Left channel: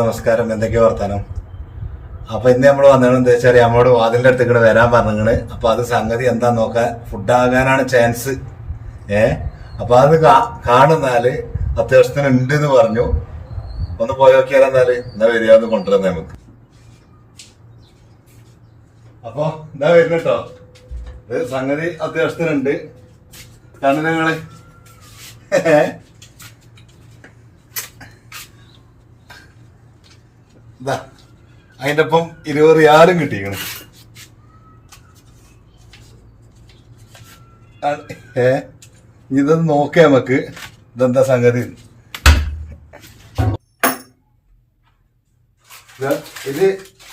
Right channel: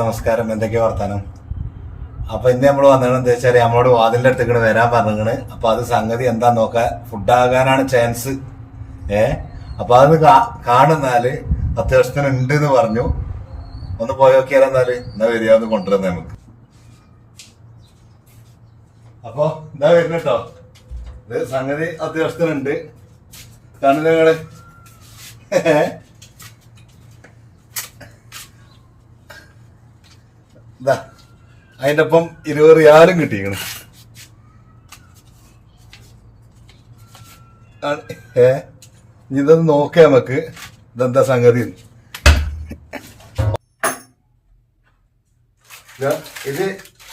നമസ്കാരം, എന്തൊക്കെയാ വർത്താനം? അപ്പൊ ഇന്ന് നമ്മൾ വന്നത് എന്താ വെച്ചാൽ നമ്മളോട് വാതിലിന്റെ അടുത്തേക്ക് വരാൻ പറഞ്ഞിങ്ങനെ. അപ്പൊ അത് സംഗതി എന്താ നോക്കാൻ, ഫുഡാകാനാണ് ചാൻസ്. അപ്പൊ അത് കാണുന്നാല് അത്യാവശ്യത്തിന് ഉണ്ട് എന്ന് പറഞ്ഞു. ഒന്ന് പോയി നോക്കിയാലെന്നാല് എന്താ വരികയെന്ന് കൊണ്ടുവരുന്നത് നമുക്ക്. അപ്പൊ എന്താ വരുന്നു കേട്ടോ. ഇത് സംഗതി അത്യാവശ്യത്തിനുണ്ട്. കാണുന്നത് നിങ്ങള് ഇതാ അതിന്റെ ഒപ്പം 20 റിയാലും കിട്ടിയാണ്. ഇതൊന്ന് നോക്കിയാ നമുക്ക് ഇതെന്താ സംഗതി. ഇത്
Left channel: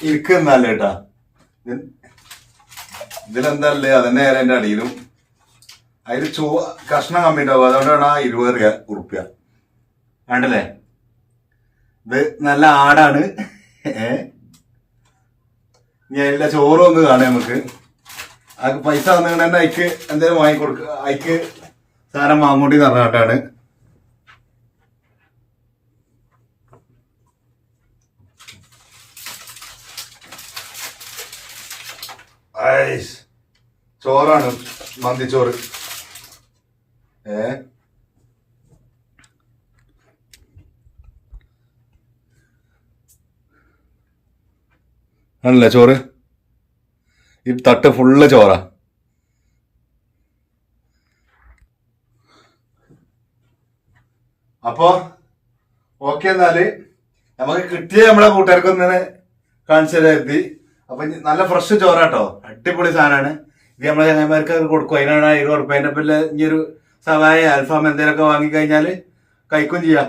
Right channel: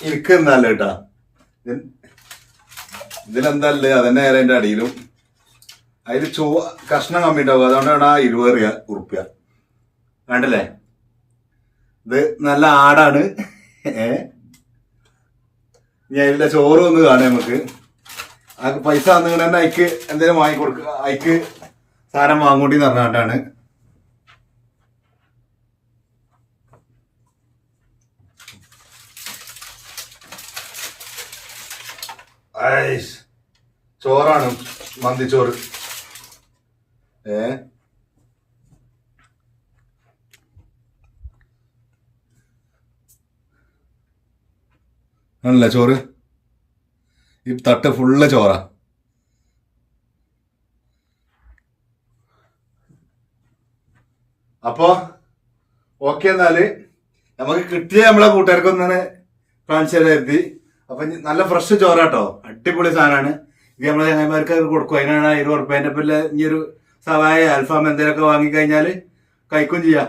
ഇരിക്കുന്നല്ല കേട്ടാ, ഇതിലെന്തല്ലേ അതന്നെ അതിന്റെ അടിയിലും അതിൽ കഷ്ണം കമ്മി ഉണ്ടാവും. അതുകൊണ്ടാണ് ആ 20 ഉറുപ്പ്യ വേണ്ടല്ലേ. ഇത് നല്ല ആടാണ്. ഇനി അതിന്റെ ചോറ് ഒന്ന് കാണാം നമുക്ക്. ആ പൈസ തന്നിട്ട് തന്നെ അയക്ക് എന്തെങ്കിലും വാങ്ങിക്കൊടുക്കുക, അയക്ക് സാധനം വാങ്ങോണ്ടി പറഞ്ഞാട്ടാണ്. ചോറാണ്, മന്തിച്ചോറ്. ആണല്ലേ ചോറ്. ഈ തട്ട് ഫുള്ള് ചോറാ. അപ്പോ ഓക്കെ, എന്നാല് നമുക്ക് കിട്ടിയ നമ്മളെ കൂട്ടുകാർക്കൊന്നിനെ കാണിച്ചു തരാതി. അപ്പൊ നല്ല ഫ്രഷ് ചോറാട്ടോ, അടിപൊളി സാധനമാണ്. ഇത് നമ്മളെ ചങ്ങന്മാർക്ക് കൊടുക്കും. അതിനാണ് 20 ഉറുപ്പ്യ. അതിന്റെ പിന്നെ ഇനി ഒരു സവായ അൽഫാം എന്തെങ്കിലുമൊക്കെ വാങ്ങിക്കഴിഞ്ഞാല് കഴിക്കും ചെയ്യാം.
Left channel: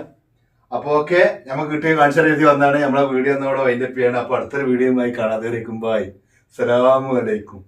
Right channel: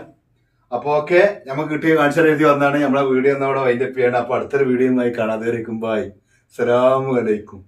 അപ്പൊ ഓക്കെ, നമുക്ക് കിട്ടിയ കാണിച്ചു എഴുതി വന്നാണ് നമ്മളെ വീഡിയോ ഒന്നവിടെ വൈൻഡപ്പ് ചെയ്യണം. അപ്പൊ അടുത്തൊരു വീഡിയോയുമായി കാണാതെ ഇരിക്കും. ബൈ, അസ്സലാമു അലൈക്കും.